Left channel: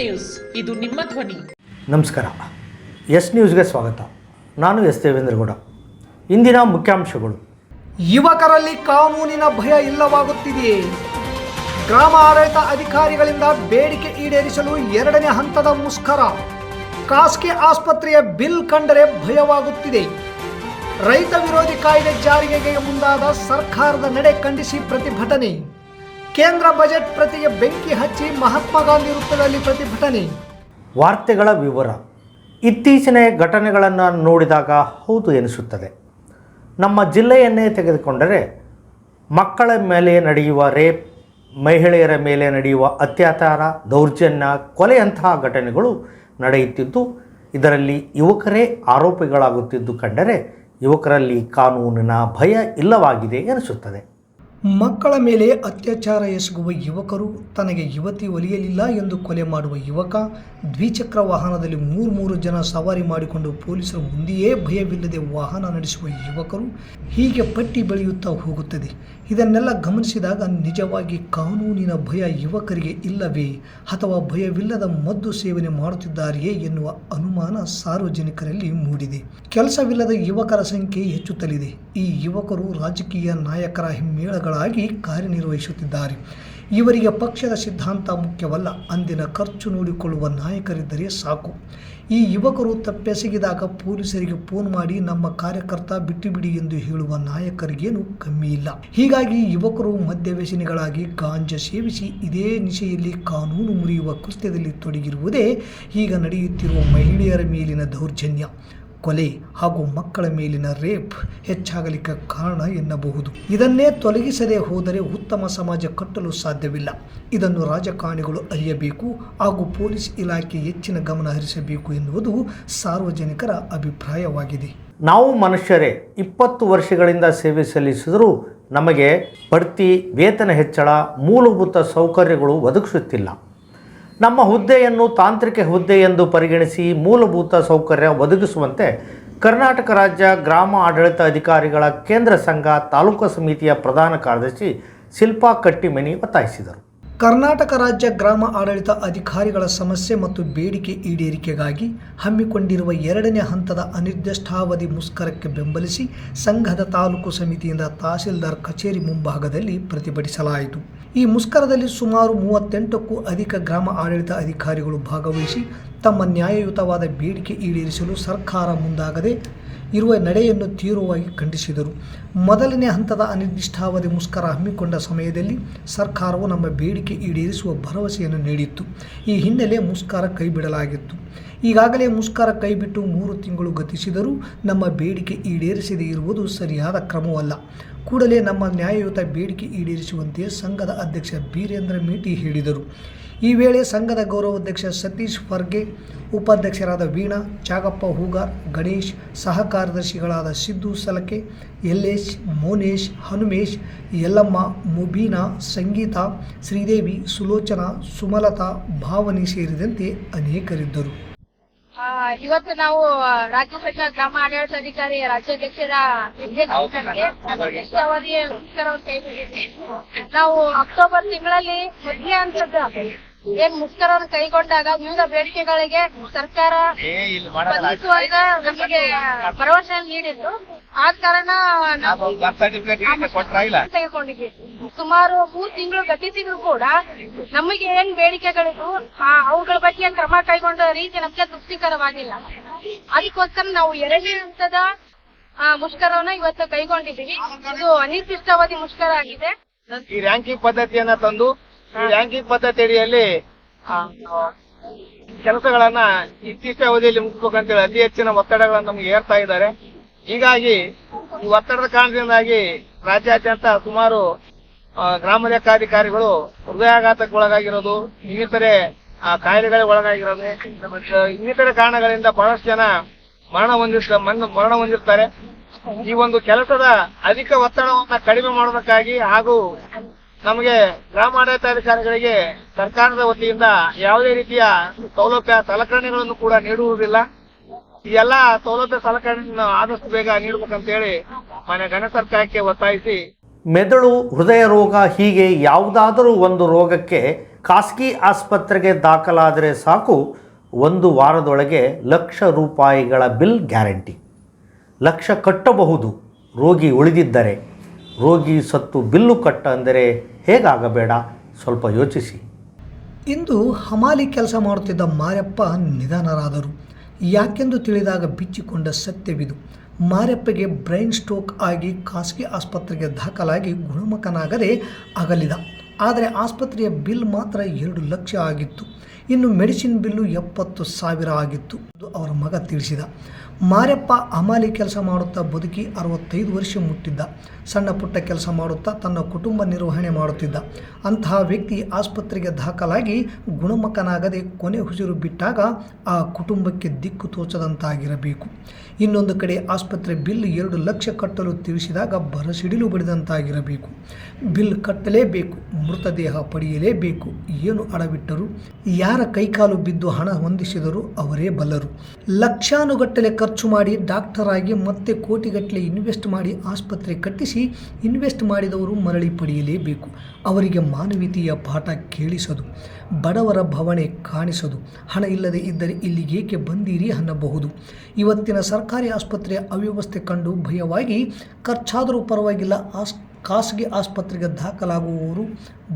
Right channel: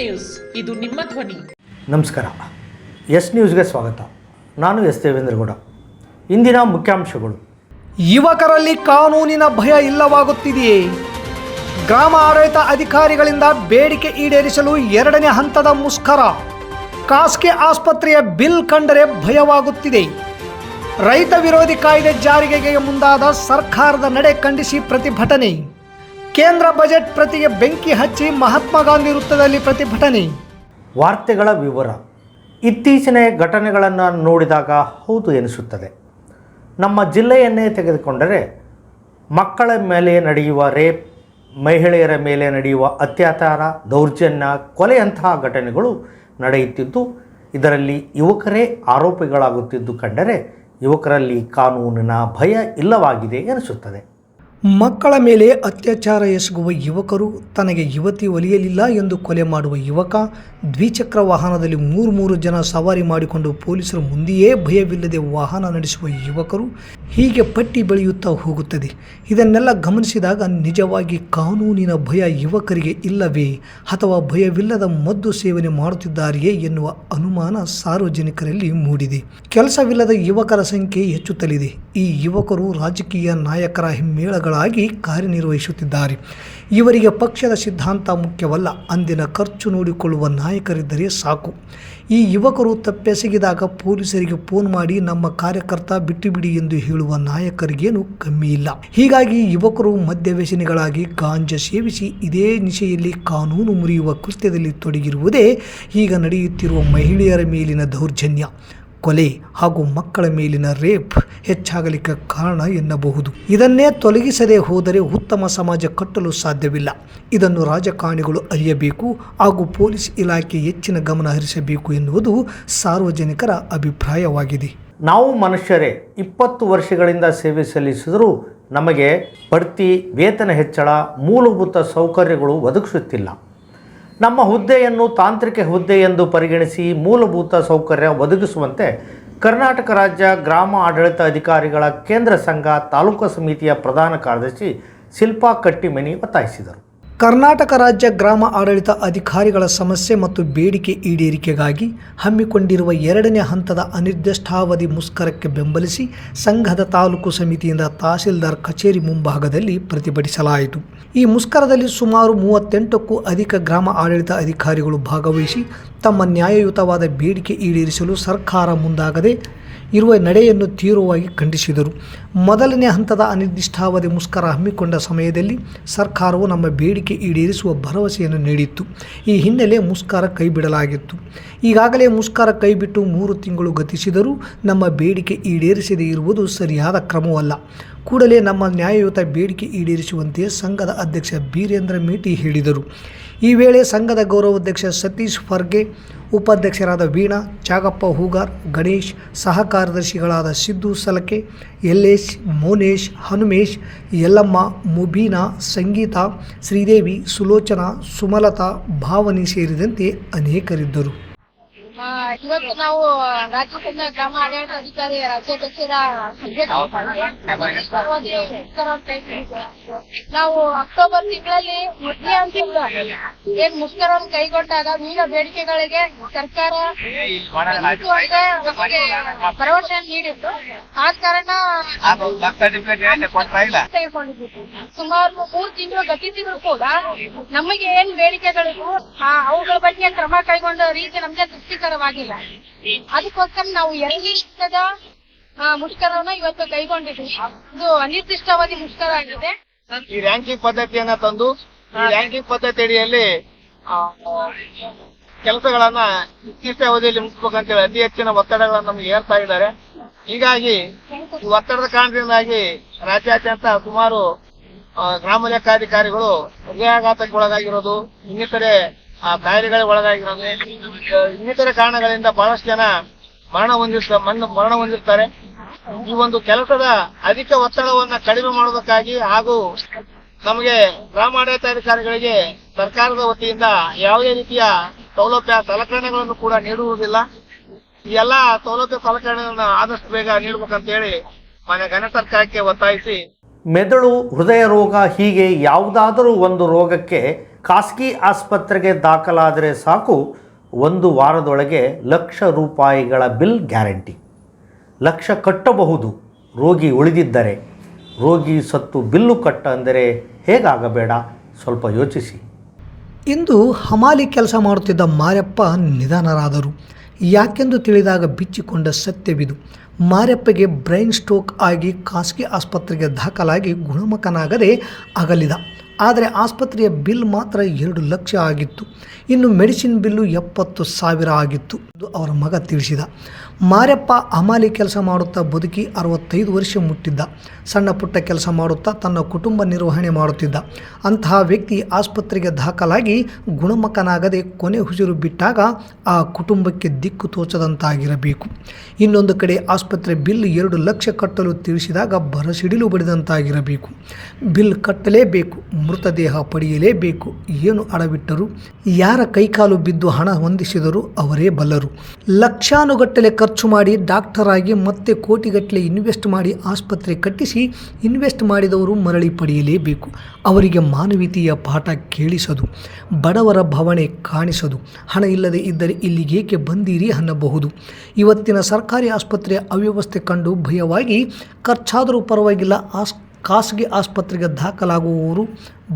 News, ಇದು ನಿಮ್ಮ ಧ್ವನಿ. ನಮಸ್ಕಾರ. ಎಸ್ ನ್ಯೂಸ್ಗೆ ಸ್ವಾಗತ. ನಾನು ಎಸ್ ದೇವೇಂದ್ರಗೌಡ. ಇಂದಿನ ಮುಖ್ಯಾಂಶಗಳು. ಯುವಕರಲ್ಲಿ ಕಾನೂನಿನ ಭಯ ಇಲ್ಲವಾಗುತ್ತಿದೆಯೇ? ಗ್ರಾಮ ಆಡಳಿತ ಅಧಿಕಾರಿಗಳಿಂದ ಬೇಡಿಕೆ ಈಡೇರಿಸಲು 2ನೇ ಹಂತದ ಮುಷ್ಕರ. ಖಾಸಗಿ ಆಸ್ಪತ್ರೆಯ ಬಿಲ್ ಕಂಡರೆ ಭಯವಾಗುತ್ತಿದೆ. ರೈತ ವಿರೋಧಿ ಕಾಯ್ದೆ ಜಾರಿಗೆ ಮುಂದಾದ ಸರ್ಕಾರದ ನಡೆ ಖಂಡಿಸಿ ಪ್ರತಿಭಟನೆ. ಕೇಂದ್ರ ಬಜೆಟ್ ಪ್ರತಿಗೆ ಬೆಂಕಿ ಹಚ್ಚಿ ಮಹಾತ್ಮ ಗಾಂಧಿ ವೃತ್ತದಲ್ಲಿ ಪ್ರತಿಭಟನೆ. ವಾರ್ತೆಗಳ ವಿವರ. ಇತ್ತೀಚಿನ ಘಟನೆಗಳನ್ನು ನೋಡಿದಾಗ ಹೌದು ಎನಿಸುತ್ತದೆ. ನಮ್ಮ ಜಿಲ್ಲೆಯನ್ನೇ ತೆಗೆದುಕೊಂಡರೆ ಮಕ್ಕಳ ಮೇಲೆ ನಡೆಯುವ ರೇಪ್, ಮಹಿಳೆಯರ ಮೇಲೆ ನಡೆಯುವ ಅತ್ಯಾಚಾರ, ದೌರ್ಜನ್ಯ, ಕೊಲೆಯಂತಹ ಘಟನೆಗಳು ನಡೆಯುತ್ತಿದ್ದು, ಇದರಲ್ಲಿ ಯುವಕರೇ ಆರೋಪಿಗಳಾಗುತ್ತಿದ್ದು ಕಂಡರೆ ಯುವಕರಲ್ಲಿ ಕಾನೂನಿನ ಭಯ ಇಲ್ಲವಾಗಿದೆ ಎನಿಸುತ್ತದೆ. ಮಕ್ಕಳ ಮೇಲೆ ಅತ್ಯಾಚಾರ ಎಸಗುವ ಯುವಕರು, ತನಗೆ ಯುವತಿ ಒಲಿಯಲಿಲ್ಲ ಎಂದು ಕೊಲೆ ಮಾಡುವ ಯುವಕ, ದ್ವಿಚಕ್ರ ವಾಹನದಲ್ಲಿ 3 ಜನ ಸವಾರಿ ಮಾಡಿಕೊಂಡು ಪೊಲೀಸರ ಮುಂದೆಯೇ ಭಯವಿಲ್ಲದೆ ವಾಹನ ನಡೆಸುವ ಯುವಕರು, ಹೀಗೆ ಪಟ್ಟಿ ಬೆಳೆಯುತ್ತಾ ಹೋಗುತ್ತದೆ. ಇದನ್ನೆಲ್ಲ ಗಮನಿಸಿದಾಗ ನಿಜವಾಗಿ ಕಾನೂನಿನ ಭಯ ಯುವಕರಿಗೆ ಇಲ್ಲವೇ ಅಥವಾ ಭಯವಿಲ್ಲದ ಮದ್ದು ಸೇವನೆ ಮಾಡುತ್ತಿದ್ದಾರೆಯೇ ಎನ್ನುವ ಅನುಮಾನ ಸಾರ್ವಜನಿಕರಲ್ಲಿ ಮೂಡಿದೆ. ಕೆಲಸವಿಲ್ಲದ ಯುವಕರ ಸಂಖ್ಯೆ ಹೆಚ್ಚುತ್ತಲಿದೆ. ಈ ಯುವಕರು ರಾಜಕೀಯ ನಾಯಕರ ಹಿಮ್ಮೇಳಗಳಾಗಿ ಕಾರ್ಯನಿರ್ವಹಿಸುತ್ತಿದ್ದಾರೆ. ಇವರಿಗೆ ಪಕ್ಷದ ಸಿದ್ಧಾಂತ ಮುಖ್ಯವಲ್ಲ, ಅಂದಿನ ಖರ್ಚು ನೋಡಿಕೊಳ್ಳುವ ನಾಯಕರಿದ್ದರೆ ಸಾಕು. ಈ ಯುವಕರು ತಪ್ಪೆಸಗಿದಾಗ ಪೊಲೀಸರಿಗೆ ಫೋನ್ ಮಾಡಿ ನಮ್ಮ ಕಾರ್ಯಕರ್ತ ಬಿಟ್ಟುಬಿಡಿ ಎಂದು ಹೇಳುವ ನಾಯಕರಿಗೇನು ಕಮ್ಮಿ ಇಲ್ಲ. ಹೀಗಾಗಿ ಯುವಕರು ಮದ್ಯವ್ಯಸನಿಗಳಾಗಿ ಗಾಂಜಾ ಸೇವಿಸಿ ಇದೇ ನಿಶೆಯಲ್ಲಿ ಕಾನೂನು ಮುರಿಯುವ ಕೃತ್ಯದಲ್ಲಿ ತೊಡಗಿರುವುದೇ ಈಗ ನಡೆಯುತ್ತಿರುವ ಮಹಿಳೆಯರ ಮೇಲಿನ ದೌರ್ಜನ್ಯ, ಕೊಲೆ ಹಾಗೂ ಮಕ್ಕಳ ಮೇಲಿನ ರೇಪ್ ಹೆಚ್ಚಾಗಲಿಕ್ಕೆ ಕಾರಣ ಎನ್ನಬಹುದು. ಇದನ್ನೇ ತೊಲಗಿಸದೆ ಹೋದರೆ ಉತ್ತಮ ಸಮಾಜ ಕಟ್ಟಲು ಸಾಧ್ಯವಿಲ್ಲ. ಇದನ್ನು ರಾಜಕಾರಣಿಗಳು ಅರಿಯಬೇಕು ಹಾಗೂ ಪೊಲೀಸ್ ಇಲಾಖೆ ಹೆಚ್ಚಿನ ಗಮನ ಹರಿಸಬೇಕು ಎನ್ನುವುದು ಸಾರ್ವಜನಿಕರ ಅಭಿಪ್ರಾಯವಾಗಿದೆ. ನಾವು ಮನುಷ್ಯರೇ 20 ವರ್ಷಗಳಿಂದ ಸೇವೆ ಸಲ್ಲಿಸಿದರೂ ನಮಗೆ ಬಡ್ತಿ, ವೇತನ ಹೆಚ್ಚಳ, ಮೂಲಭೂತ ಸೌಕರ್ಯಗಳು ಒದಗಿಸುತ್ತಿಲ್ಲ. ನಮ್ಮ ಹುದ್ದೆಯನ್ನು ತಾಂತ್ರಿಕ ಹುದ್ದೆ ಎಂದು ಪರಿಗಣಿಸಿ ಮೂಲಭೂತ ಸೌಕರ್ಯ ಒದಗಿಸುವಂತೆ ಕರ್ನಾಟಕ ರಾಜ್ಯ ಗ್ರಾಮ ಆಡಳಿತ ಅಧಿಕಾರಿಗಳ ಕೇಂದ್ರ ಸಂಘ ತಾಲೂಕು ಸಮಿತಿಯ ಪ್ರಧಾನ ಕಾರ್ಯದರ್ಶಿ ಶಿಲ್ಪಾ ಕಟ್ಟಿಮನಿ ಒತ್ತಾಯಿಸಿದರು. ಕರ್ನಾಟಕ ರಾಜ್ಯ ಗ್ರಾಮ ಆಡಳಿತ ಅಧಿಕಾರಿಗಳ ಸಮಸ್ಯೆ ಮತ್ತು ಬೇಡಿಕೆ ಈಡೇರಿಕೆಗಾಗಿ ಹಮ್ಮಿಕೊಂಡಿರುವ 2ನೇ ಹಂತದ ಅನಿರ್ದಿಷ್ಟಾವಧಿ ಮುಷ್ಕರಕ್ಕೆ ಬೆಂಬಲಿಸಿ ಸಂಘದ ತಾಲೂಕು ಸಮಿತಿಯಿಂದ ತಹಸೀಲ್ದಾರ್ ಕಚೇರಿ ಮುಂಭಾಗದಲ್ಲಿ ಪ್ರತಿಭಟಿಸಲಾಯಿತು. ಈ ಮುಷ್ಕರದಲ್ಲಿ ಸುಮಾರು 38ಕ್ಕೂ ಅಧಿಕ ಗ್ರಾಮ ಆಡಳಿತ ಅಧಿಕಾರಿಗಳು ಭಾಗವಹಿಸಿ ತಮ್ಮ ನ್ಯಾಯಯುತವಾದ ಬೇಡಿಕೆ ಈಡೇರಿಸಲು ಸರ್ಕಾರ ಮುಂದಾಗದೆ ಇರುವ ನಡೆಯನ್ನು ತೀವ್ರವಾಗಿ ಖಂಡಿಸಿದರು. ಮೊದಲನೇ ಹಂತದ ಅನಿರ್ದಿಷ್ಟಾವಧಿ ಮುಷ್ಕರ ಹಮ್ಮಿಕೊಂಡ ಸಮಯದಲ್ಲಿ ಸರ್ಕಾರವು ನಮ್ಮ ಬೇಡಿಕೆ ಈಡೇರಿಸುವ ಭರವಸೆಯನ್ನು ನೀಡಿತ್ತು. ಈ ಹಿನ್ನೆಲೆ ಮುಷ್ಕರ ಕೈಬಿಡಲಾಗಿತ್ತು. ಈಗಾಗಲೇ ಮುಷ್ಕರ ಕೈಬಿಟ್ಟು 3 ತಿಂಗಳು ಗತಿಸಿದರೂ ನಮ್ಮ ಬೇಡಿಕೆ ಈಡೇರಿಸದೇ ಇರುವುದು ಸರಿಯಾದ ಕ್ರಮವಲ್ಲ. ಕೂಡಲೇ ನಮ್ಮ ನ್ಯಾಯಯುತ ಬೇಡಿಕೆ ಈಡೇರಿಸುವಂತೆ ಸಂಘದ ಅಧ್ಯಕ್ಷ ಬೀರೇಂದ್ರ ಮೇಟಿ ಹೇಳಿದರು. ಈ ವೇಳೆ ಸಂಘದ ಗೌರವಾಧ್ಯಕ್ಷ ಸತೀಶ್ ಫರ್ಗೆ, ಉಪಾಧ್ಯಕ್ಷರಾದ ವೀಣಾ, ಚಾಗಪ್ಪ ಹೂಗಾರ್, ಗಣೇಶ್, ಸಹ ಕಾರ್ಯದರ್ಶಿಗಳಾದ ಸಿದ್ದು ಸಲಕೆ, ಯಲ್ಲೇಶ್, ಮೋನೇಶ್, ಹನುಮೇಶ್, ಯಲ್ಲಮ್ಮ, ಮುಬೀನಾ, ಸಂಗೀತಾ, ಶ್ರೀದೇವಿ, ಸುಲೋಚನಾ, ಸುಮಲತಾ, ಭಾವನಿ ಸೇರಿದಂತೆ ಅನೇಕರಿದ್ದರು. ಇವತ್ತು ನಾವು ರಾಜ್ಯ ಸಂಘ ಗ್ರಾಮ ಆಡಳಿತ ಅಧಿಕಾರಿ ರಾಜ್ಯಾಧ್ಯಕ್ಷರ ನಿರ್ದಿಷ್ಟವಾಗಿ ಮುಷ್ಕರವನ್ನು ಕೈಗೊಂಡಿದ್ದೆ. ನಾವು ಅಕ್ಟೋಬರ್ ತಿಂಗಳಲ್ಲಿ ಮೊದಲೇ ಹಂತದ ಏನ್ ಮುಷ್ಕರವನ್ನು ಕೈಗೊಂಡಾಗ ವಿವಿಧ ಬೇಡಿಕೆಗಳಿಗೆ ಸರ್ಕಾರ ಸ್ಪಂದಿಸುವಾಗ ನಮಗೆ ಭರವಸೆ ನೀಡಿತ್ತು. ಆದ ಕಾರಣ ತೆಗೆದುಕೊಂಡಿದ್ದೀವಿ. ಸುಮಾರು 3 ತಿಂಗಳು ಗತಿಸಿದ್ರು ಕೂಡ ನಮಗೆ ಏನ್ ಬೇಡಿಕೆಗಳಿಗೂ ಅವುಗಳ ಬಗ್ಗೆ ಕ್ರಮ ಕೈಗೊಂಡ ರೀತಿ ನಮ್ಗೆ ತೃಪ್ತಿಕರವಾಗಿಲ್ಲ. ಅದಕ್ಕೋಸ್ಕರ ನಾವು 2ನೇ ಹಂತದ ಮುಷ್ಕರವನ್ನ ಇವತ್ತು ಕೈಗೊಂಡಿದ್ದೀವಿ. ಇದು ಅನಿರ್ದಿಷ್ಟಾವಧಿ ಮುಷ್ಕರ ಆಗಿದೆ. ಈ ರ್ಯಾಂಕಿಂಗ್ ಪದ್ಧತಿಯನ್ನ ತಂದು ಈ ರ್ಯಾಂಕಿಂಗ್ ಪದ್ಧತಿ ಅಡಿಯಲ್ಲಿ ಕೆಲಸಗಳನ್ನ ಇತ್ತೀಚಿನ ಅವಧಿಯಲ್ಲಿ ಮುಗಿಸ್ಬೇಕಂತೇಳಿ ಅತಿ ಹೆಚ್ಚಿನ ಒತ್ತಡಗಳನ್ನು ನಮ್ಗೆ ಏರ್ತಾ ಇದ್ದಾರೆ. ಹೀಗಾಗಿ ಈ ಒತ್ತಡದ ಕಾರಣದಿಂದಾಗಿ ರಾಜ್ಯಾದ್ಯಂತ ಸುಮಾರು ಗ್ರಾಮ ಲೆಕ್ಕಾಧಿಕಾರಿಗಳು ಹೃದಯಾಘಾತಕ್ಕೆ ಒಳಗಾಗಿರೋದು, ಇನ್ನಿತರೆ ಕಾಯಿಲೆಗಳಿಗೆ ಒಳಗಾಗಿರೋದು, ಇನ್ನಿತರೆ ಕಾರಣಗಳಿಂದ ಬಹಳಷ್ಟು ಜನ ಮರಣ ಹೊಂದಿರ್ತಾರೆ. ಈ ಒಂದು ಕೆಲಸದ ಅಧಿಕ ಒತ್ತಡವನ್ನ ಕಡಿಮೆ ಮಾಡೋದಕ್ಕಾಗಿ ಹಾಗೂ ನಮಗೆ ಗ್ರಾಮ ಆಡಳಿತಾಧಿಕಾರಿಗಳಿಗೆ ಸರ್ಕಾರದ ವತಿಯಿಂದ ಯಾವುದೇ ರೀತಿಯ ಸೌಲಭ್ಯ ಸಲಕರಣೆಗಳನ್ನು ಕೂಡ ನೀಡುವುದಿಲ್ಲ. ಈ ಎಲ್ಲ ಸೌಲಭ್ಯ ಸಲಕರಣೆಗಳನ್ನು ಆದಷ್ಟು ಬೇಗ ನೀಡಬೇಕಂತ ಹೇಳಿ ಮಾನ್ಯ ಘನ ಸರ್ಕಾರಕ್ಕೆ ಒತ್ತಾಯಿಸಿ ಮೆದುಳು, ಹೃದಯ ರೋಗ ಹೀಗೆ ಯಾವುದಾದರೂ ಒಂದು ರೋಗಕ್ಕೆ ಖಾಸಗಿ ಆಸ್ಪತ್ರೆಗೆ ದಾಖಲಾದರೆ ಸಾಕು 1 ವಾರದೊಳಗೆ ಲಕ್ಷ ರೂಪಾಯಿಗಳ ಬಿಲ್ ಗ್ಯಾರಂಟಿ. ಲಕ್ಷ ಕಟ್ಟಬಹುದು ರೋಗಿ ಉಳಿದಿದ್ದರೆ. ರೋಗಿ ಸತ್ತು ಬಿಲ್ಲು ಕಟ್ಟ ಅಂದರೆ ಹೇಗಾಗಬೇಡ, ಸ್ವಲ್ಪ ಯೋಚಿಸಿ. ಇಂದು ಹಮಾಲಿ ಕೆಲಸ ಮಾಡುತ್ತಿದ್ದ ಮಾರಪ್ಪ ನಿಧನರಾದರು. ಯಾಕೆಂದು ತಿಳಿದಾಗ ಬಿಚ್ಚಿಕೊಂಡ ಸತ್ಯವಿದು. ಮಾರಪ್ಪಗೆ ಬ್ರೈನ್ ಸ್ಟ್ರೋಕ್ ಆಗಿ ಖಾಸಗಿ ಆಸ್ಪತ್ರೆಗೆ ದಾಖಲಾಗಿ ಗುಣಮುಖನಾಗದೆ ಅಗಲಿದ. ಆದರೆ ಆಸ್ಪತ್ರೆಯ ಬಿಲ್ ಮಾತ್ರ 2 ಲಕ್ಷ ಆಗಿತ್ತು. ಇನ್ನು ಮೆಡಿಸಿನ್ ಬಿಲ್ಲು 70,000 ಆಗಿತ್ತು ಎಂದು ಅವರ ಮಗ ತಿಳಿಸಿದ. ಮಾರಪ್ಪ ಹಮಾಲಿ ಕೆಲಸ ಮಾಡುತ್ತಾ ಬದುಕಿ 65 ವರ್ಷ ಮುಟ್ಟಿದ್ದ. ಸಣ್ಣ ಪುಟ್ಟ ಕೆಲಸ ಮಾಡುತ್ತಾ ತನ್ನ ಕುಟುಂಬ ನಿರ್ವಹಣೆ ಮಾಡುತ್ತಿದ್ದ. ಅಂತಹ ವ್ಯಕ್ತಿ ಆಸ್ಪತ್ರೆಗೆ ದಾಖಲಾಗಿ ಗುಣಮುಖನಾಗದೆ ಕೊನೆ ಉಸಿರು ಬಿಟ್ಟಾಗ ಆ ಕುಟುಂಬಕ್ಕೆ ದಿಕ್ಕು ತೋಚದಂತಾಗಿರಬೇಕು. ಇನ್ನೊಂದು ಕಡೆ ಆಸ್ಪತ್ರೆ ಬಿಲ್ 2 ಲಕ್ಷ ಕಟ್ಟಲು ತಿಳಿಸಿದಾಗ ಬರಸಿಡಿಲು ಬಡಿದಂತಾಗಿರಬೇಕು. ಬಿಲ್ ಕಟ್ಟಲೇಬೇಕು, ಮೃತದೇಹ ಪಡೆಯಲೇಬೇಕು. ಏನು ಅಡವಿಟ್ಟರು, ಯಾರ ಕೈಕಾಲು ಬಿದ್ದು ಹಣ ಹೊಂದಿಸಿದರೂ ಅವರೇ ಬಲ್ಲರು. ಲಕ್ಷಾನುಗಟ್ಟಲೆ ಖರ್ಚು ಮಾಡಿ ಡಾಕ್ಟರ್ ಆಗಿ ಮತ್ತೆ ಕೋಟಿಗಟ್ಟಲೆ ಇನ್ವೆಸ್ಟ್ ಮಾಡಿ ಆಸ್ಪತ್ರೆ ಕಟ್ಟಿಸಿ ಇನ್ವೆಸ್ಟ್ ಮಾಡಿದವರು ಮರಳಿ ಪಡೆಯಲೇಬೇಕು. ಅವರಿಗೆ ಮಾನವೀಯತೆಯ ಪಾಠ ಕೇಳಿಸದು, ಬಡವರ ಭಾವನೆ ಕಾಣಿಸದು. ಹಣ ಇಲ್ಲದೆ ಇದ್ದರೆ ಇಲ್ಲಿಗೇಕೆ ಬಂದೀರಿ ಅನ್ನಬಹುದು. ಇವತ್ತಿನ ಸರ್ಕಾರಿ ಆಸ್ಪತ್ರೆಯ ಅವ್ಯವಸ್ಥೆ ಕಂಡು ಭಯವಾಗಿ ಖರ್ಚಾದರೂ ಪರವಾಗಿಲ್ಲ ಖಾಸಗಿ ಆಸ್ಪತ್ರೆಗೆ ದಾಖಲಾಗುವವರು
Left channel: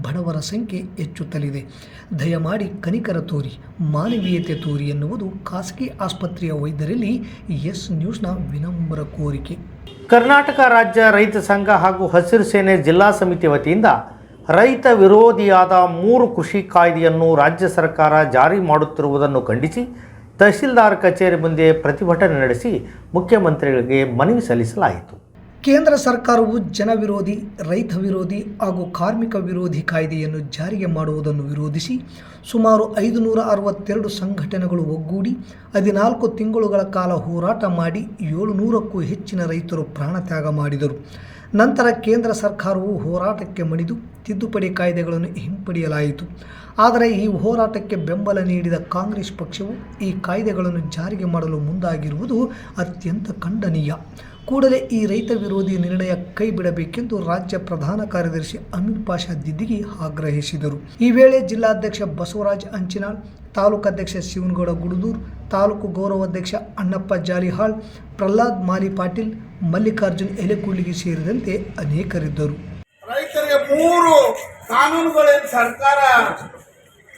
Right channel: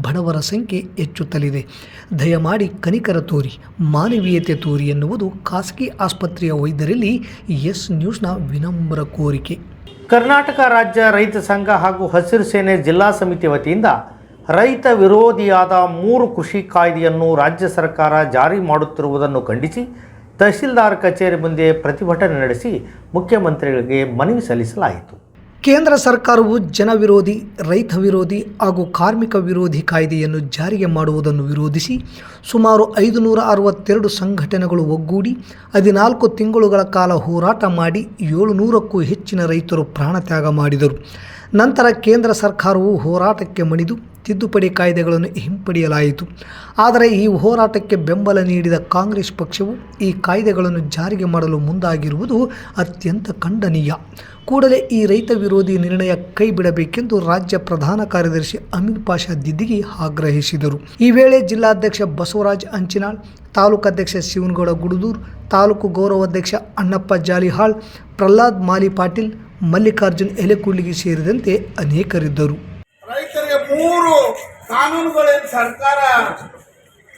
ಬಡವರ ಸಂಖ್ಯೆ ಹೆಚ್ಚುತ್ತಲಿದೆ. ದಯಮಾಡಿ ಕನಿಕರ ತೋರಿ, ಮಾನವೀಯತೆ ತೋರಿ ಎನ್ನುವುದು ಖಾಸಗಿ ಆಸ್ಪತ್ರೆಯ ವೈದ್ಯರಲ್ಲಿ ಎಸ್ ನ್ಯೂಸ್ನ ವಿನಮ್ರ ಕೋರಿಕೆ. ಕರ್ನಾಟಕ ರಾಜ್ಯ ರೈತ ಸಂಘ ಹಾಗೂ ಹಸಿರು ಸೇನೆ ಜಿಲ್ಲಾ ಸಮಿತಿ ವತಿಯಿಂದ ರೈತ ವಿರೋಧಿಯಾದ 3 ಕೃಷಿ ಕಾಯ್ದೆಯನ್ನು ರಾಜ್ಯ ಸರ್ಕಾರ ಜಾರಿ ಮಾಡುತ್ತಿರುವುದನ್ನು ಖಂಡಿಸಿ ತಹಶೀಲ್ದಾರ್ ಕಚೇರಿ ಮುಂದೆ ಪ್ರತಿಭಟನೆ ನಡೆಸಿ ಮುಖ್ಯಮಂತ್ರಿಗಳಿಗೆ ಮನವಿ ಸಲ್ಲಿಸಲಾಯಿತು. ಕೇಂದ್ರ ಸರ್ಕಾರವು ಜನವಿರೋಧಿ, ರೈತ ವಿರೋಧಿ ಹಾಗೂ ಕಾರ್ಮಿಕ ವಿರೋಧಿ ಕಾಯ್ದೆಯನ್ನು ಜಾರಿಗೆ ಮಾಡುವುದನ್ನು ವಿರೋಧಿಸಿ ಸುಮಾರು 562 ಸಂಘಟನೆಗಳು ಒಗ್ಗೂಡಿ 14 ತಿಂಗಳುಗಳ ಕಾಲ ಹೋರಾಟ ಮಾಡಿ 700ಕ್ಕೂ ಹೆಚ್ಚಿನ ರೈತರು ಪ್ರಾಣತ್ಯಾಗ ಮಾಡಿದರು. ನಂತರ ಕೇಂದ್ರ ಸರ್ಕಾರವು ಹೋರಾಟಕ್ಕೆ ಮಣಿದು ತಿದ್ದುಪಡಿ ಕಾಯ್ದೆಗಳನ್ನು ಹಿಂಪಡೆಯಲಾಯಿತು. ಆದರೆ ಈ ಹೋರಾಟಕ್ಕೆ ಬೆಂಬಲ ನೀಡಿದ ಕಾಂಗ್ರೆಸ್ ಪಕ್ಷವು ಈ ಕಾಯ್ದೆಗಳನ್ನು ಜಾರಿಗೆ ಮಾಡಲು ಮುಂದಾಗಿರುವುದು ಅತ್ಯಂತ ಖಂಡನೀಯ. ಕೂಡಲೇ ಈ ರೈತ ವಿರೋಧಿ ನಿರ್ಣಯ ಕೈ ಬಿಡಬೇಕೆಂದು ರಾಜ್ಯ ಪ್ರಧಾನ ಕಾರ್ಯದರ್ಶಿ ಅಮೀನ್ ಪಾಷಾ ದಿದ್ದಿಗಿ ಆಗ್ರಹಿಸಿದರು. ಈ ವೇಳೆ ಜಿಲ್ಲಾಧ್ಯಕ್ಷ ಬಸವರಾಜ್ ಅಂಚಿನಾಳ್, ತಾಲೂಕಾಧ್ಯಕ್ಷ ಶಿವನಗೌಡ ಗುಡದೂರ್, ತಾಲೂಕು ಗೌರವಾಧ್ಯಕ್ಷ ಅಣ್ಣಪ್ಪ ಜಾಲಿಹಾಳ್, ಪ್ರಹ್ಲಾದ್ ಮಾಲಿ ಪಾಟೀಲ್, ಮಲ್ಲಿಕಾರ್ಜುನ್ ಎಲೆಕುಳ್ಳಿಗಿ ಸೇರಿದಂತೆ ಅನೇಕರಿದ್ದರು. ರೈತರಿಗೆ 3 ಕಾನೂನುಗಳೇನು ಸರ್ಕಾರ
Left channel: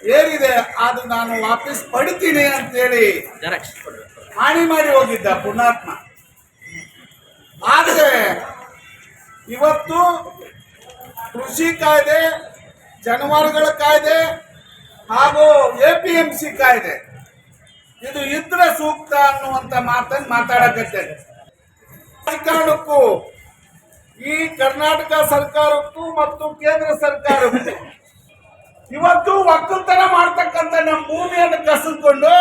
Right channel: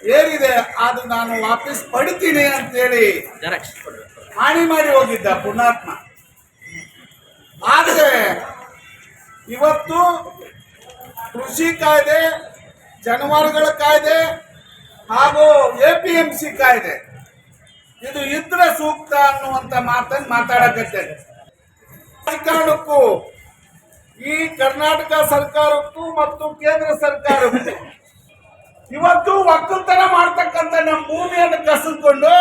ಏರಿದೆ ಅದು ನಾನು ವಾಪಸ್ ಪಡಿತೀನಿ ಅಂತೇಳಿ ಹಾನಿ ಮಾಡಿ ಹೋಗಿದ್ದ ಪುಣ್ಯಾತ್ಮ. ಆದರೆ ಇವತ್ತು ಕೃಷಿ ಕಾಯ್ದೆ, ಜಾನುವಾರುಗಳ ಕಾಯ್ದೆ ಹಾಗೂ APMC ಕಾಯ್ದೆ ಇದು ಇದ್ರೆ ಸೂಕ್ತ ಅನ್ನುವಂಥ ಮಾತನ್ನು ಮಾತಾಡಕತ್ತೇನೆ. ಸರ್ಕಾರಕ್ಕೂ ಈ ಕರ್ನಾಟಕ ಸರ್ಕಾರಕ್ಕೂ ಮತ್ತು ಕೇಂದ್ರ ಸರ್ಕಾರಕ್ಕೂ ಇವತ್ತು ಒಕ್ಕಲ್ತನ ಮಾಡ್ತಕ್ಕಂಥ ನಮ್ಮ ಭೂಮಿಯನ್ನು ಕಸಿದುಕೊಂಡು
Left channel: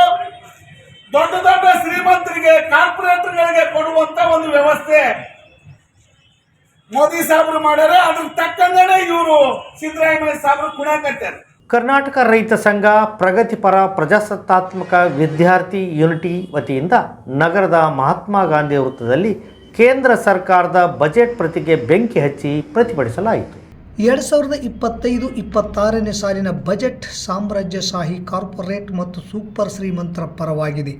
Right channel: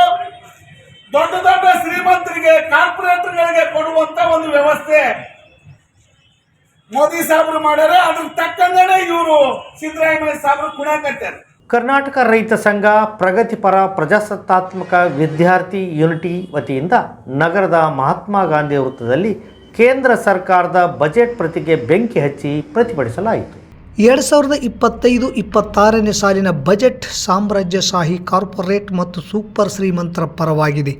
ದೊಡ್ಡ ದೊಡ್ಡ ಶ್ರೀಮಂತರಿಗೆ, ಕಾರ್ಪೊರೇಟರ್ಗಳಿಗೆ ಕೊಡುವಂತ ಒಂದು ವ್ಯವಸ್ಥೆ ಮೋದಿ ಸಾಹೇಬರು ಮಾಡ್ಯಾರ. ಅದಕ್ಕೆ ತಕ್ಕಂಗೆ ಇವರು ಸಿದ್ದರಾಮಯ್ಯ ಸಾಹೇಬರು ಕುಣಿಯಾಕತ್ತಾರೆ. ಕರ್ನಾಟಕ ರೈತ ಸಂಘ ಪ್ರಗತಿಪರ ಪ್ರಜಾಸತ್ತಾತ್ಮಕ ವಿದ್ಯಾರ್ಥಿ ಯೂನಿಟಿ ವತಿಯಿಂದ ನಗರದ ಮಹಾತ್ಮ ಗಾಂಧಿ ವೃತ್ತದಲ್ಲಿ ಕೇಂದ್ರ ಸರ್ಕಾರದ ಬಜೆಟ್ ಪ್ರತಿಗೆ ಬೆಂಕಿ ಹಚ್ಚಿ ಪ್ರತಿಭಟಿಸಲಾಯಿತು. 2025-26ನೇ ಸಾಲಿನ ಬಜೆಟ್ ಸಾಮ್ರಾಜ್ಯಶಾಹಿ ಕಾರ್ಪೊರೇಟ್ ಮತ್ತು ಸೂಪರ್ ಶ್ರೀಮಂತರ ಪರವಾಗಿದೆ.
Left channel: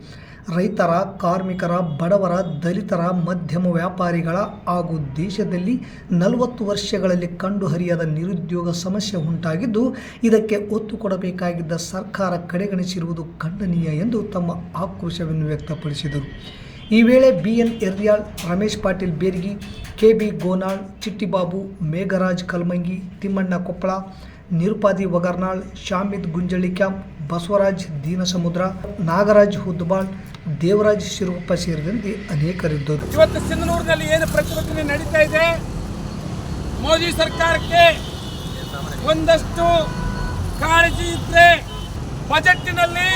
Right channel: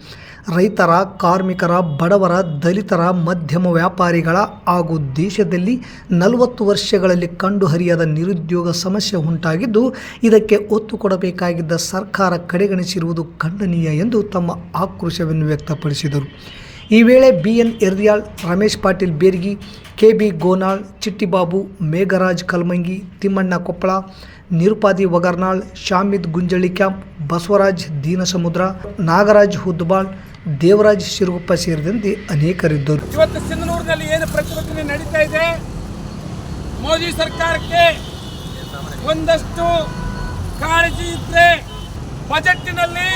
ರೈತರ, ಕಾರ್ಮಿಕರ, ಬಡವರ, ದಲಿತರ, ಮಧ್ಯಮ ವ್ಯಾಪಾರಿಗಳ ಹಾಗೂ ದೇಶದಲ್ಲಿ 40 ವರ್ಷಗಳಲ್ಲಿ ಕಂಡುಹರಿಯದ ನಿರುದ್ಯೋಗ ಸಮಸ್ಯೆ ಉಂಟಾಗಿದ್ದು ಇದಕ್ಕೆ ಒತ್ತು ಕೊಡಬೇಕಾಗಿದ್ದ ಸರ್ಕಾರ ಕಡೆಗಣಿಸಿರುವುದು ಖಂಡನೀಯ ಎಂದು ತಮ್ಮ ಆಕ್ರೋಶವನ್ನು ವ್ಯಕ್ತಪಡಿಸಿದರು. ಈ ವೇಳೆ BN Eryal, Ramesh Patil Bergi, KB Gonal, Chittibabu, Megharaj Kalmangi, Timmanna Koppal, Nirupadi Vagarnal, Shamid Gunjali camp, Basavaraj Deenasamudra, Nagaraj Hudbal, Devaraj Siruguppa ಸೇರಿದಂತೆ ಅನೇಕರಿದ್ದರು. ಇವತ್ತು ಸಿಂಧನೂರಿನಲ್ಲಿ ಏನು ಪ್ರತಿಭಟನೆ ನಡೀತಾ ಇದೆ, ಮೋದಿ ಸರ್ಕಾರಕ್ಕೆ ಒಂದಷ್ಟು ಕಾಳಜಿ ಇದ್ರೆ ಬಜೆಟ್ನಲ್ಲಿ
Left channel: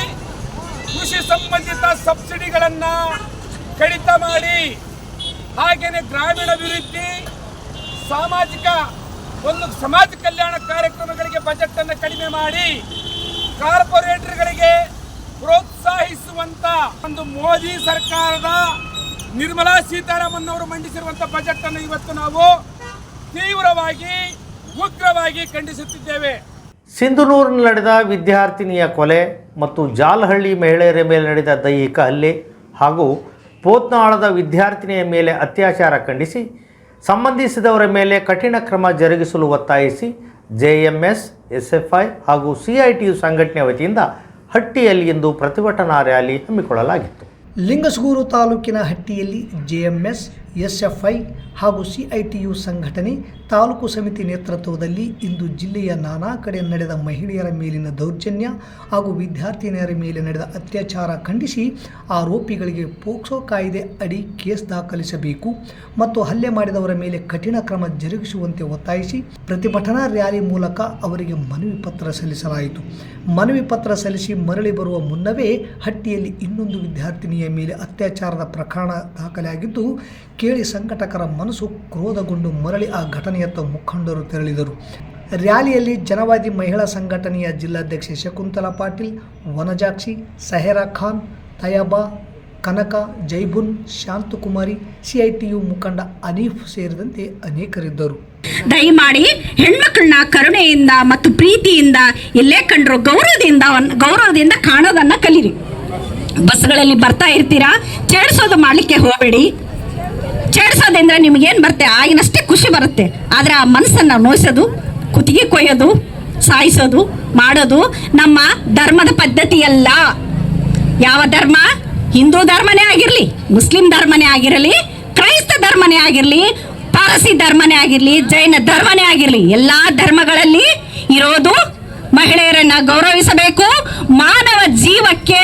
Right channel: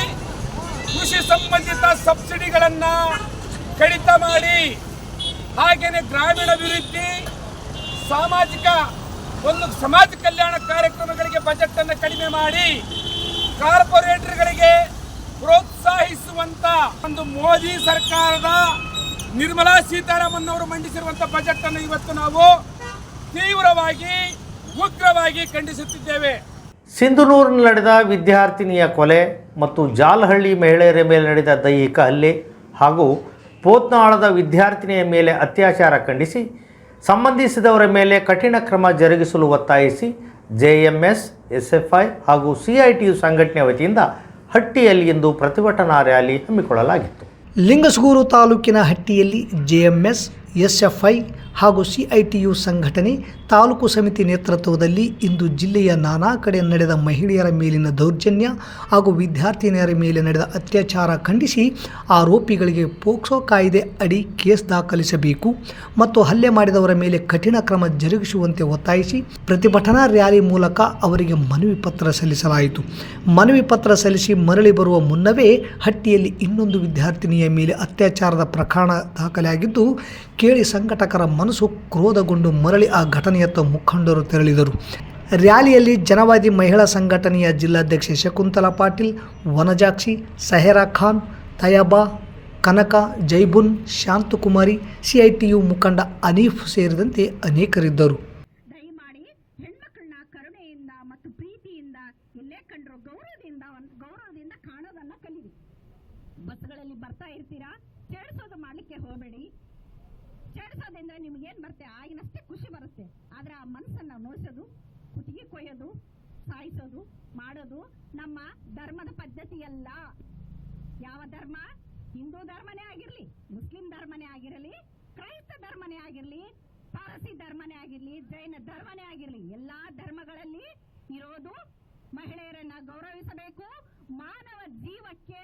ಕೃಷಿ ಸಂಬಂಧಿತ ಸಬ್ಸಿಡಿಗಳನ್ನು ಕಡಿತ ಮಾಡಿ, ಹಾಗೆಯೇ ಗ್ರಾಮೀಣ ಅಭಿವೃದ್ಧಿ, ಸಮಾಜ ಕಲ್ಯಾಣ ಕಾರ್ಯಕ್ರಮಗಳಿಗೆ ಬಜೆಟ್ ಅನ್ನು ಕಡಿಮೆ ಮಾಡಿ ಕಾರ್ಪೊರೇಟರ್ಗಳಿಗೆ ಪ್ರೋತ್ಸಾಹಿಸುವಂತ ಒಂದು ಮೋದಿ ಸರ್ಕಾರದ ನಿರ್ಮಲಾ ಸೀತಾರಾಮನ್ ಅವರು ಮಂಡಿಸಿರುವಂತ ಬಜೆಟ್ ಅನ್ನು ಇವತ್ತು ನಾವು ತೀವ್ರವಾಗಿ, ಉಗ್ರವಾಗಿ ಖಂಡಿಸುತ್ತಿದ್ದೇವೆ. ಸಿಂಧನೂರಿನಲ್ಲಿ ನಡೆದ ವಿದ್ಯಾರ್ಥಿನಿಯ ಕೊಲೆ ಮತ್ತು ಜಾಲಹಳ್ಳಿ ಮಹಿಳೆಯರ ಮೇಲೆ ನಡೆದ ದೈಹಿಕ ಹಲ್ಲೆ ಹಾಗೂ ಪೋತ್ನಾಳದ ವಿದ್ಯಾರ್ಥಿನಿಯ ಮೇಲೆ ಅತ್ಯಾಚಾರ ಖಂಡಿಸಿ ಸಂಬಂಧಿಸಿದವರ ಮೇಲೆ ಕಠಿಣ ಕ್ರಮ ಜರುಗಿಸಲು ಒತ್ತಾಯಿಸಿ JMS, SFI ಹಾಗೂ CITU ಸಂಘಟನೆ ವತಿಯಿಂದ ಹಟ್ಟಿಯಲ್ಲಿ ಇಂದು ಪ್ರತಿಭಟನಾ ರ್ಯಾಲಿ ಹಮ್ಮಿಕೊಳ್ಳಲಾಗಿತ್ತು. ಲಿಂಗಸಗೂರು ತಾಲೂಕಿನ ಹಟ್ಟಿಯಲ್ಲಿ JMS, SFI ಹಾಗೂ CITU ಸಂಘಟನೆ ತಾಲೂಕು ಸಮಿತಿ ನೇತೃತ್ವದಲ್ಲಿ ಇಂದು ಜಿಲ್ಲೆಯ ನಾನಾ ಕಡೆ ನಡೆದ ಮಹಿಳೆಯರ ಮೇಲಿನ ದೌರ್ಜನ್ಯ ಹಾಗೂ ವಿದ್ಯಾರ್ಥಿನಿಯರ ಮೇಲೆ ನಡೆದ ಅತ್ಯಾಚಾರ ಖಂಡಿಸಿ ಆರೋಪಿಗಳಿಗೆ ಪೋಕ್ಸೋ ಕಾಯ್ದೆ ಅಡಿ ಕೇಸ್ ದಾಖಲಿಸಬೇಕು ಮತ್ತು ಹಲ್ಲೆ ಮಾಡಿದವರ ಮೇಲೆ ಕಠಿಣ ಕ್ರಮ ಜರುಗಿಸುವಂತೆ ಒತ್ತಾಯಿಸಿ ಪ್ರತಿಭಟನಾ ರ್ಯಾಲಿ ಮೂಲಕ ಅವರಿಗೆ ಮನವಿ ಪತ್ರ ಸಲ್ಲಿಸಲಾಯಿತು. ಮನವಿ ಪತ್ರ ಸಲ್ಲಿಸಿ ಮರಳಿ ಬರುವ ಮುನ್ನವೇ ಹಟ್ಟಿಯಲ್ಲಿ ಇನ್ನೊಂದು ವಿದ್ಯಾರ್ಥಿನಿಯ ಮೇಲೆ ಅತ್ಯಾಚಾರದ ಪ್ರಕರಣ ದಾಖಲಾಗಿದ್ದು ಕೇಳಿ ಸಂಘಟಕರ ಮನಸ್ಸು ಕ್ರೋಧಗೊಂಡು ಮರಳಿ ಆ ಘಟನೆಯತ್ತ ಮುಖಂಡರು ತೆರಳಿದರು. ರ್ಯಾಲಿಯಲ್ಲಿ ಜನವಾದಿ ಮಹಿಳಾ ಸಂಘಟನೆಯ ಜಿಲ್ಲಾಧ್ಯಕ್ಷೆ ಶಕುಂತಲಾ ಪಾಟೀಲ್, ವನಜಾಕ್ಷಿ, ಸಹರಾ ಖಾನ್, ತಯಾಬಾ, ಕನಕ, ಜೈಬುನ್, ಶಾಂತಕುಮಾರಿ, CITU ಮುಖಂಡ ಅನೀಫ್ ಸೇರಿದಂತೆ ಅನೇಕರಿದ್ದರು. ದಯಮಾಡಿ ಹೆಣ್ಮಕ್ಳನ್ನ ಕರುಣೆಯಿಂದ ಮತ್ತು ಪ್ರೀತಿಯಿಂದ ಎಲ್ಲೇ ಕಂಡ್ರು ಗೌರವದಿಂದ ಕಾಣೋದನ್ನ ಕಲೀರಿ. ಬಸ್ಗಳಲ್ಲಿ ಬರ್ತಾ ಇರ್ತೀರಾ, ಚೇಡಿಸೋದು ಮಾಡಲಿಕ್ಕೆ ಹೋಗಬೇಡಿ. ಚೇಡಿಸೋದಂದ್ರೆ ನಿಮಗೇನು ಬರುತ್ತೆ, ಆಗಿನಷ್ಟೇ ಖುಷಿ ಬರುತ್ತೆ. ಆದರೆ ಆ ಮನಸ್ಸನ್ನು ನೋಯಿಸೋದು, ಕುತ್ತಿಗೆ ಕೊಯ್ಯೋದು, ಸಾಯಿಸೋದು ಮಾಡೋದು ನಮ್ಮ ಧರ್ಮದ ಪದ್ಧತಿಯಲ್ಲ. ಯಾವ ಧರ್ಮ? ಹಿಂದೂ ಧರ್ಮನೇ ಆಗಿರಲಿ, ಮುಸ್ಲಿಂ ಧರ್ಮನೇ ಆಗಿರಲಿ, ಕ್ರೈಸ್ತ ಧರ್ಮನೇ ಆಗಿರಲಿ, ಪಾರಸಿ ಧರ್ಮನೇ ಆಗಿರಲಿ, ಜೈನ ಧರ್ಮನೇ ಆಗಿರಲಿ, ಎಲ್ಲ ಧರ್ಮಗಳಲ್ಲಿ ಇರೋದು ಮಹಿಳೆಯರನ್ನ ಗೌರವಿಸಬೇಕು, ಮಾನವ ಜೀವಕ್ಕೆ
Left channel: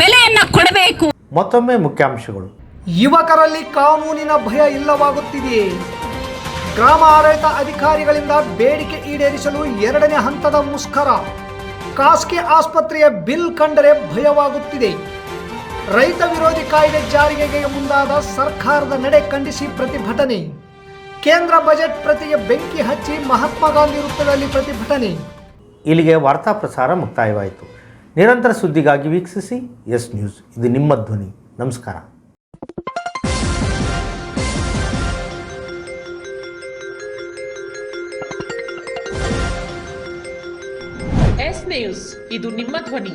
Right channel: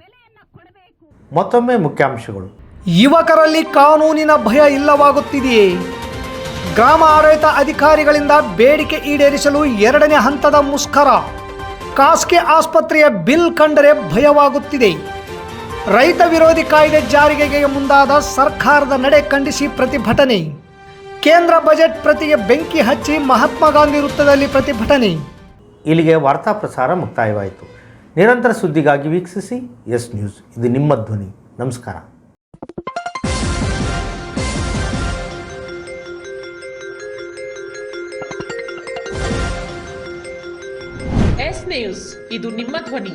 ಬೆಲೆಯನ್ನ ಕೊಡಬೇಕು. ಮತ್ತೊಮ್ಮೆ ಮುಖ್ಯಾಂಶಗಳು. ಯುವಕರಲ್ಲಿ ಕಾನೂನಿನ ಭಯ ಇಲ್ಲವಾಗುತ್ತಿದೆಯೇ? ಗ್ರಾಮ ಆಡಳಿತ ಅಧಿಕಾರಿಗಳಿಂದ ಬೇಡಿಕೆ ಈಡೇರಿಸಲು 2ನೇ ಹಂತದ ಮುಷ್ಕರ. ಖಾಸಗಿ ಆಸ್ಪತ್ರೆಯ ಬಿಲ್ ಕಂಡರೆ ಭಯವಾಗುತ್ತಿದೆ. ರೈತ ವಿರೋಧಿ ಕಾಯ್ದೆ ಜಾರಿಗೆ ಮುಂದಾದ ಸರ್ಕಾರದ ನಡೆ ಖಂಡಿಸಿ ಪ್ರತಿಭಟನೆ. ಕೇಂದ್ರ ಬಜೆಟ್ ಪ್ರತಿಗೆ ಬೆಂಕಿ ಹಚ್ಚಿ ಮಹಾತ್ಮ ಗಾಂಧಿ ವೃತ್ತದಲ್ಲಿ ಪ್ರತಿಭಟನೆ. ಇಲ್ಲಿಗೆ ವಾರ್ತಾ ಪ್ರಸಾರ ಮುಕ್ತಾಯವಾಯಿತು. ನಿರಂತರ ಸುದ್ದಿಗಾಗಿ ವೀಕ್ಷಿಸಿ ಎಸ್ ನ್ಯೂಸ್. ಇದು ನಿಮ್ಮ ಧ್ವನಿ. ನಮಸ್ಕಾರ. ಎಸ್ ನ್ಯೂಸ್, ಇದು ನಿಮ್ಮ ಧ್ವನಿ.